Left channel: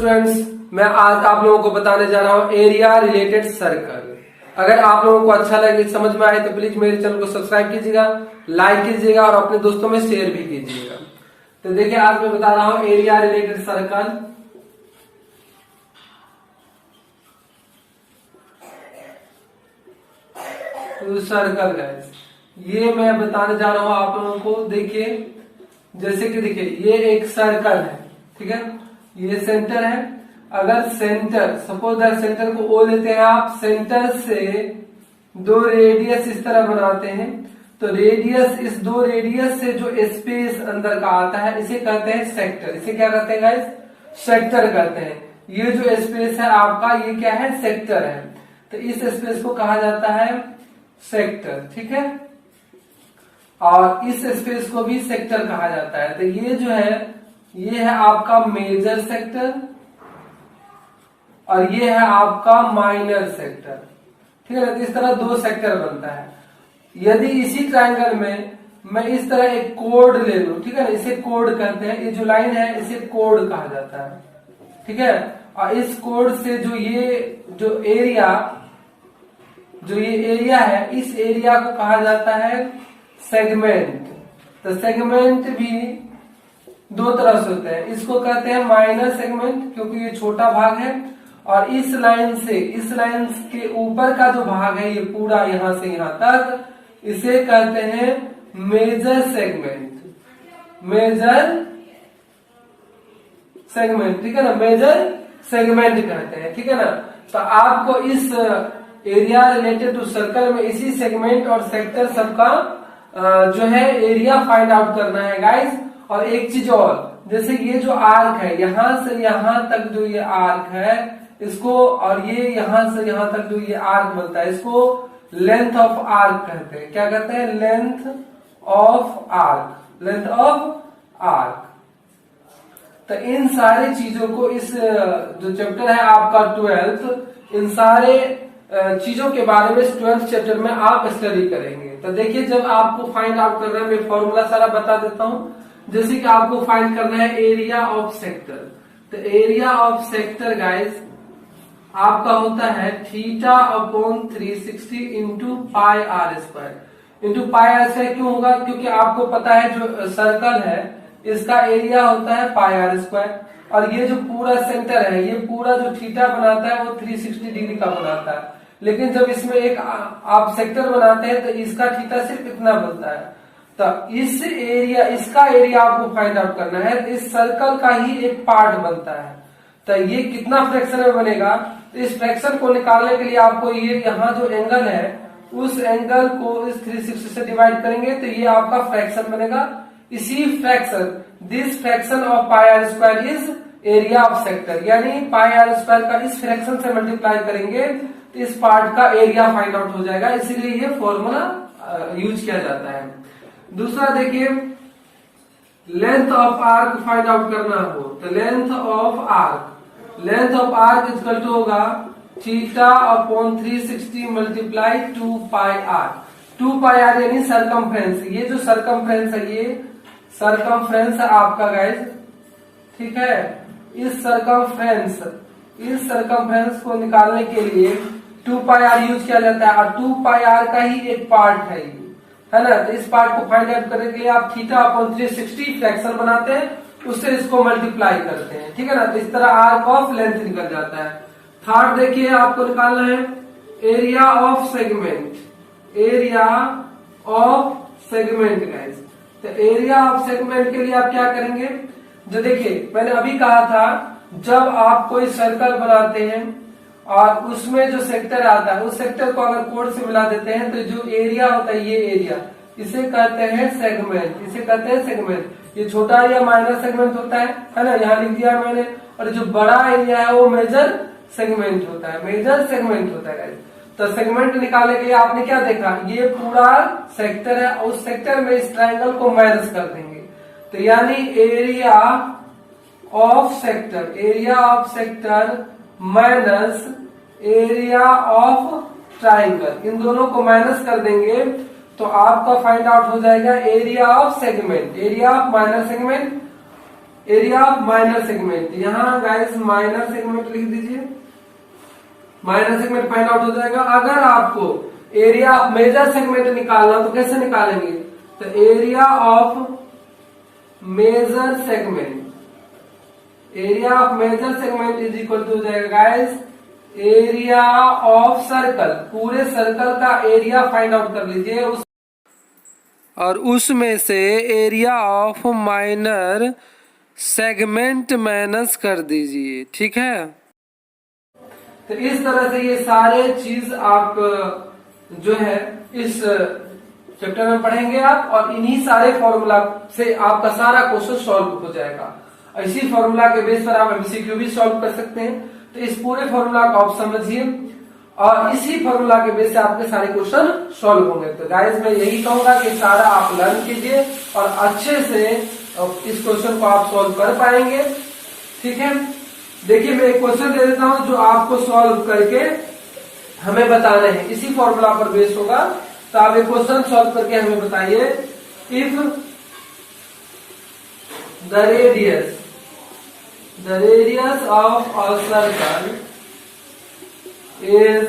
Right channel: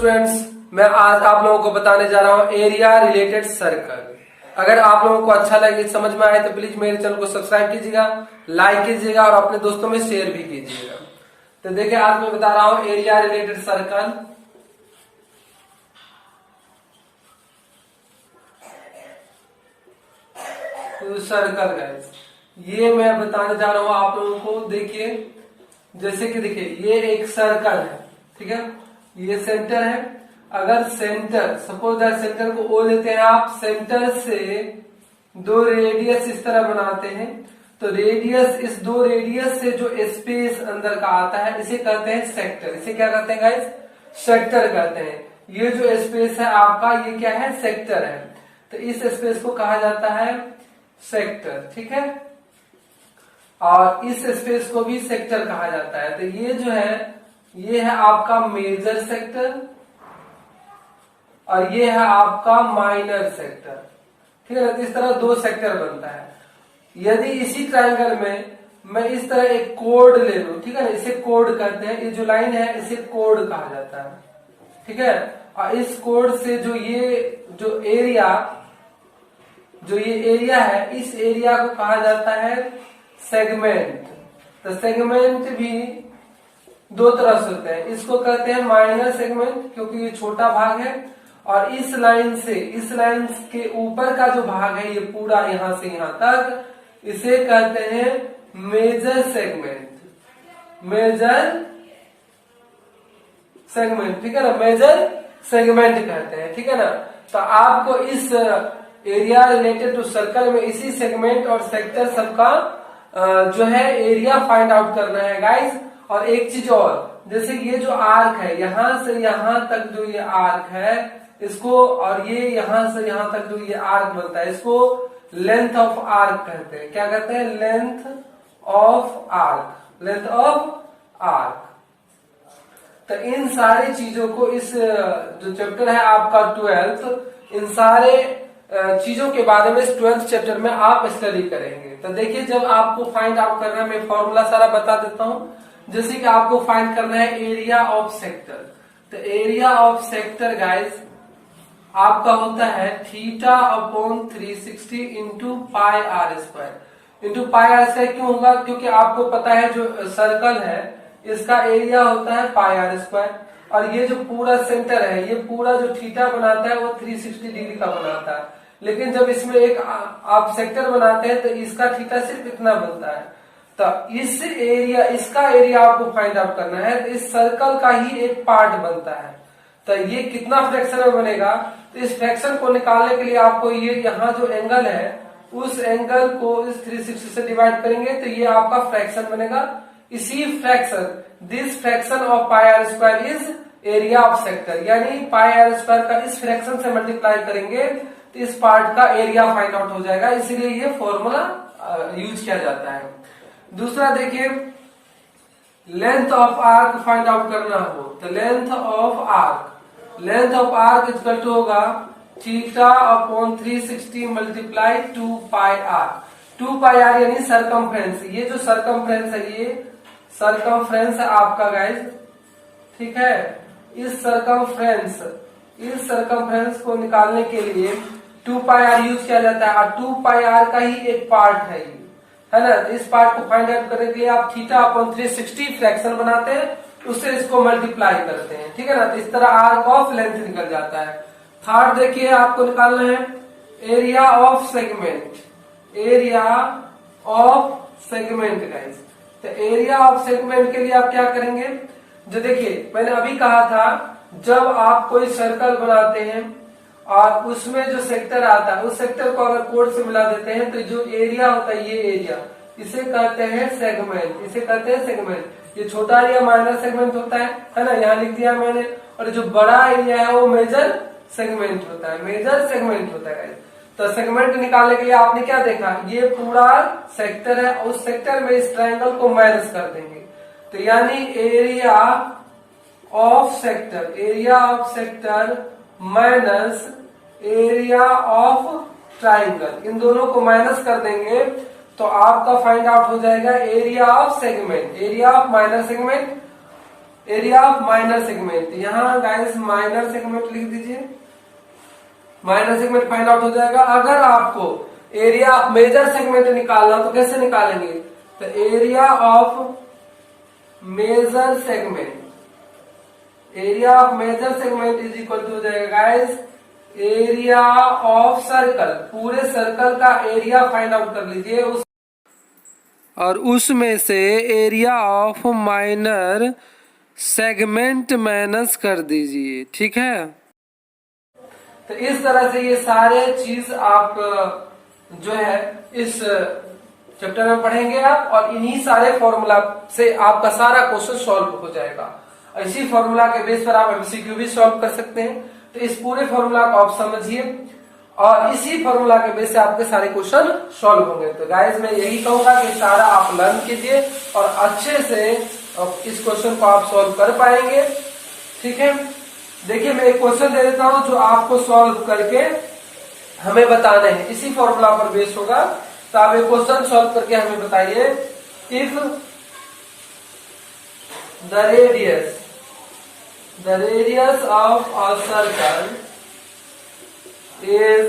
Students, मैं आज आप लोगों को बताने जा रहा हूं एरिया रिलेटेड सर्कल। अगर आप लोगों को अच्छा लगे, समझ में आए तो प्लीज मेरे चैनल को सब्सक्राइब कीजिएगा, लाइक कीजिएगा और अपने दोस्तों में शेयर भी कीजिएगा। तो देखिए आज मैं बता रहा हूं एरिया रिलेटेड सर्कल। तो सर्कल गाइस, ये मैं बताने जा रहा हूं आप लोगों को। देखिए जैसे कि देखिए ये एक सर्कल है, ठीक है, ये सेंटर है। अगर सेंटर, सपोज दैट सेंटर को ओ लेते हैं आप, सेंटर से दो रेडियस इस तरह बनाते हैं, तो रेडियस, इस दो रेडियस से जो स्पेस अंदर का आता है इसे कहते हैं सेक्टर। इसे क्या कहते हैं गाइस? सेक्टर कहते हैं। ये जो स्पेस है आपका, ये क्या है? सेक्टर है। तो इस स्पेस को कहा जाता है सेक्टर, ठीक है, और इस स्पेस को भी सेक्टर कहा जाता है। तो ये जो है, ये है आपका मेजर सेक्टर और ये है आपका माइनर सेक्टर, ठीक है ना। तो इस तरह दो सेक्टर बनता है। यदि इसी ट्रायंगल में मैं इस तरह एक कोड ले लूं, ठीक है ना, इसे कोड कहते हैं। ये जो लाइन है इसे कोड कहा जाता है, ठीक है। और इस कोड से जो ये एरिया है, इस एरिया को कहा जाता है सेगमेंट। तो सेगमेंट भी दो तरह से होते हैं। इसको कहते हैं माइनर सेगमेंट क्योंकि ये छोटा भाग है, और इस लाइन के ऊपर का जो भाग है, ये पूरा यहां से यहां तक, इसे कहते हैं मेजर सेगमेंट। मेजर सेगमेंट, ठीक है ना, मेजर सेगमेंट कहते हैं, ठीक है ना। तो आपको इस एरिया रिलेटेड टू सर्कल में इसी सेगमेंट और सेक्टर सबका जो है एरिया फाइंड आउट करना है गाइस। और एक चीज और, जैसे ये जो आर्क है, यहां से यहां तक जो ये आर्क है इसको, और ये यहां से यहां तक जो ये आर्क बनता है, इसको लेंथ ऑफ आर्क कहते हैं। क्या कहते हैं? Length of arc. Length of arc. तो इन सारी चीजों को, इस जो चैप्टर है आपका 12th, इन सारे चीजों के बारे में 12th चैप्टर में आप स्टडी करेंगे। तो देखिए जब आपको फाइंड आउट करना है, मैं फॉर्मूला सारा बता देता हूं। जैसे कि आपको फाइंड करना है एरिया ऑफ सेक्टर। तो एरिया ऑफ सेक्टर गाइस आपका होता है theta upon 360 into pi r square. Into pi r square क्यों होगा? क्योंकि आपको पता है जो सर्कल है इसका एरिया होता है पाई आर स्क्वायर, और ये जो पूरा सेंटर है, ये पूरा जो थीटा बनाता है वो 360 डिग्री का बनाता है। लेकिन जब इसमें एक आप सेक्टर बनाते हैं तो इसका थीटा सिर्फ इतना बनता है। तो इसका एरिया आपको फाइंड आउट करना है। तो इस सर्कल का ही एक पार्ट बनता है। तो ये कितना फ्रैक्शन में बनेगा? तो इस फ्रैक्शन को निकालने के लिए आपको ये यहाँ जो एंगल है, उस एंगल को इस 360 से डिवाइड करेंगे तो ये आपका फ्रैक्शन बनेगा। इसी fraction, this fraction of pi r square is area of sector. यानी पाई आर स्क्वायर का इस फ्रैक्शन से मल्टीप्लाई करेंगे तो इस पार्ट का एरिया फाइंड आउट हो जाएगा। इसीलिए ये फॉर्मूला यूज किया जाता है। दूसरा देखिए, length of arc find out करना हो तो length of arc equal to होगा theta upon 360 multiply 2 pi R. 2 pi R यानी सरकमफ्रेंस। ये जो सरकमफ्रेंस है, ये सरकमफ्रेंस है आपका गाइस, ठीक है। इस सरकमफ्रेंस को निकालने के लिए 2 पाई आर यूज किया जाता है, और 2 पाई आर का ही एक पार्ट है ये, है ना। तो इस पार्ट को फाइंड आउट करने के लिए आप थीटा अपॉन 360 फ्रैक्शन बनाते हैं, उससे इसको मल्टीप्लाई करते हैं, ठीक है ना। तो इस तरह आर्क ऑफ लेंथ निकल जाता है। थर्ड देखिए आपको निकालना है area of segment. Area of segment guys. तो एरिया ऑफ सेगमेंट के लिए आप क्या करेंगे? जो देखिए मैंने अभी कहा था, जब आप कोई सर्कल बनाते हैं और उसमें जो सेक्टर आता है, उस सेक्टर को अगर कोड से मिला देते हैं तो जो एरिया होता है, ये एरिया, इसे कहते हैं सेगमेंट। इसे कहते हैं सेगमेंट। ये छोटा एरिया माइनर सेगमेंट होता है ना, यहाँ लिख दिया मैंने। और जो बड़ा एरिया है वो मेजर सेगमेंट होता है। मेजर सेगमेंट होता है। तो सेगमेंट निकालने के लिए आपने क्या देखा? ये पूरा सेक्टर है, उस सेक्टर में इस ट्रायंगल को माइनस कर देंगे। तो यानी area of sector minus area of triangle, इन दोनों को माइनस कर देंगे तो आपका फाइंड आउट हो जाएगा area of segment. Area of minor segment area of minor segment, यहाँ गाइस माइनर सेगमेंट लिख दीजिए, माइनर सेगमेंट फाइंड आउट हो जाएगा। अगर आपको एरिया ऑफ मेजर सेगमेंट निकालना तो कैसे निकालेंगे, तो area of major segment, area of major segment is equal to हो जाएगा गाइस एरिया ऑफ सर्कल, पूरे सर्कल का एरिया फाइंड आउट कर लीजिए और उसमें से area of minor segment minus कर दीजिए, ठीक है। तो इस तरह से ये सारे चीज आप जो है इस चैप्टर में पढ़ेंगे आप, और इन्हीं सारे फॉर्मूला से आपका सारा क्वेश्चन सॉल्व हो जाएगा। इसी फॉर्मूला के बेस पर आप एमसीक्यू भी सॉल्व कर सकते हैं। तो इस पूरे फॉर्मूला को आप समझिए और इसी फॉर्मूला के बेस से आपके सारे क्वेश्चन सॉल्व होंगे। तो गाइस मैं यही कहूंगा कि सारा आप लर्न कीजिए और अच्छे से इस क्वेश्चन को आप सॉल्व कर पाएंगे, ठीक है। देखिए मैं एक क्वेश्चन दे देता हूं जो आपको सॉल्व करके हमें बताना है, इसी फॉर्मूला पर बेस होगा। तो आप एक क्वेश्चन सॉल्व करके हमें बताइए, if the radius of a circle is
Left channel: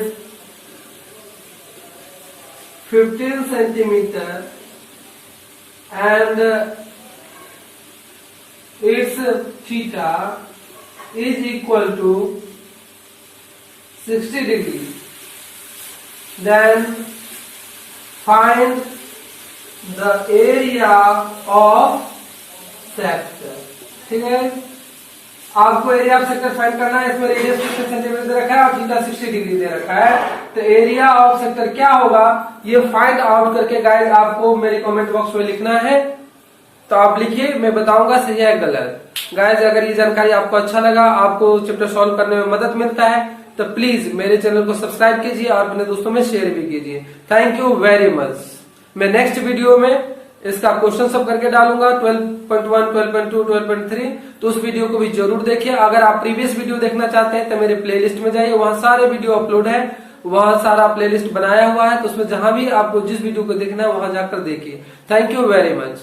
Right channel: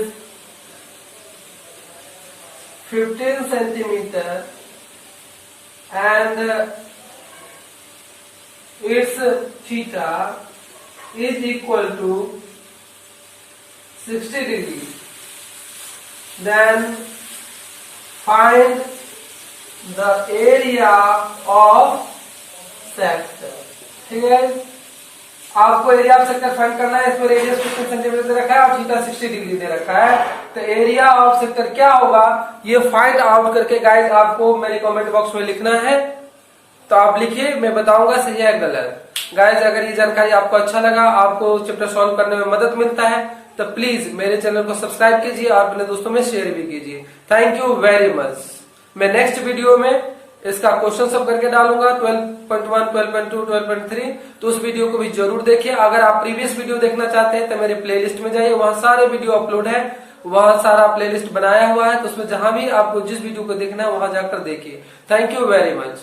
15 centimeter and its theta is equal to 60 degree, then find the area of sector, ठीक है। आपको एरिया ऑफ सेक्टर फाइंड करना है, इसमें रेडियस 15 सेंटीमीटर दे रखा है और थीटा 60 डिग्री दे रखा है। तो एरिया ऑफ सेक्टर क्या होगा ये फाइंड आउट करके गाइस आपको मेरे कमेंट बॉक्स में लिखना है। तो आप लिखिए, मैं बताऊंगा सही है गलत। गाइस अगर ये जानकारी आपको अच्छा लगा, आपको चैप्टर सॉल्व करने में मदद मिलता है, तो प्लीज मेरे चैनल को सब्सक्राइब कीजिए और अपने दोस्तों में शेयर भी कीजिए। Thank you very much. मैं नेक्स्ट वीडियो में इसका क्वेश्चन सब करके डालूंगा 12.1, 12.2, 12.3, तो उस वीडियो को भी जरूर देखिए। अगर आप प्रीवियस वीडियो देखना चाहते हैं तो मेरे प्लेलिस्ट में जाइए, वहां सारे वीडियो अपलोड है, वहां सारा प्लेलिस्ट बनाया हुआ है। तो उसमें जहां भी आपको जिस वीडियो को देखना है वहां जाकर देखिए। Thank you very much.